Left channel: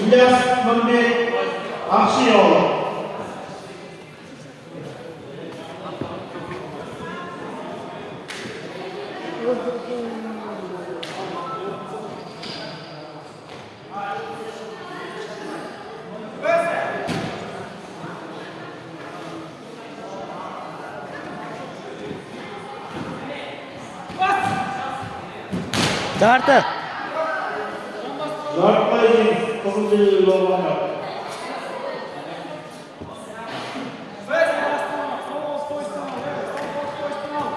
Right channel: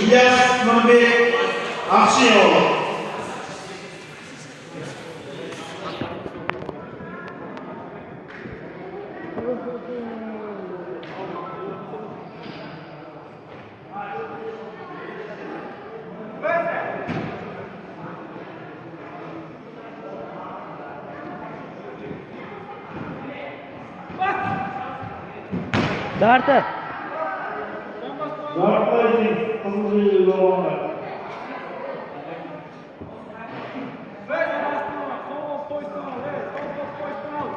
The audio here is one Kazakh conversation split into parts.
İlyas Mehmet Akşeyoğlu. Жарты. Жартылай қызыл жоллама.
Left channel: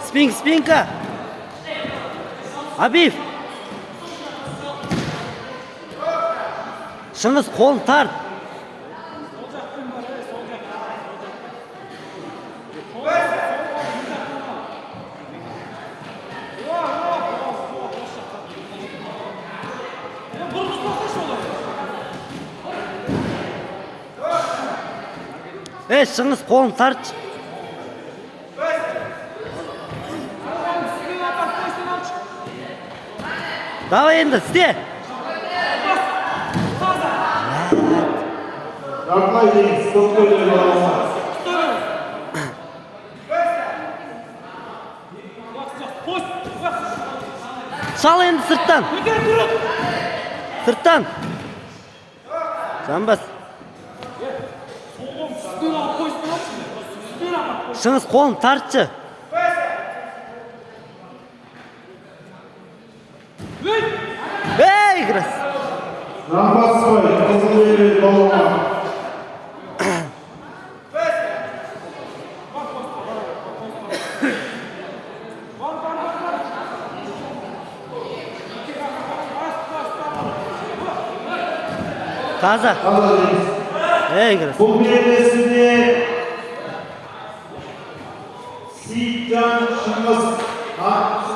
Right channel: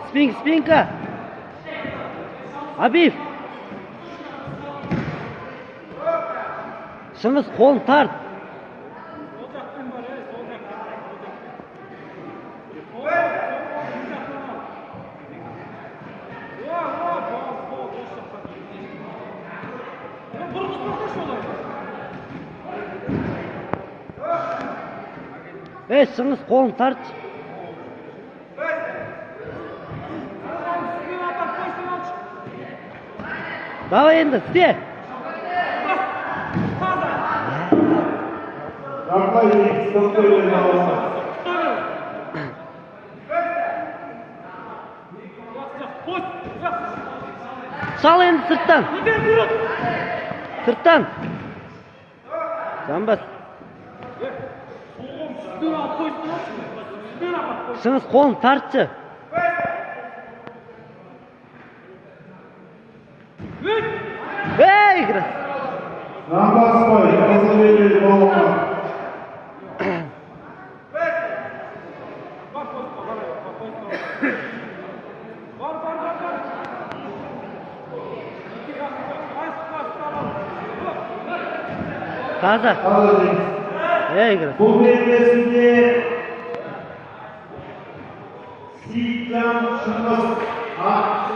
Спинка. Абив. Шыңғыс қолын тарт. Шыңғыс қолын тарт. Давай енді, істе. Жартылай көптеген жоллама. Шал енді сырттан. Сырттан. Жамбас. Шыңғыс қолын тартшы. Крас. Намбасбай қызыл жоллама. Таза. Крас. Бұл белдесінде Сейітжан Шыңғыс ат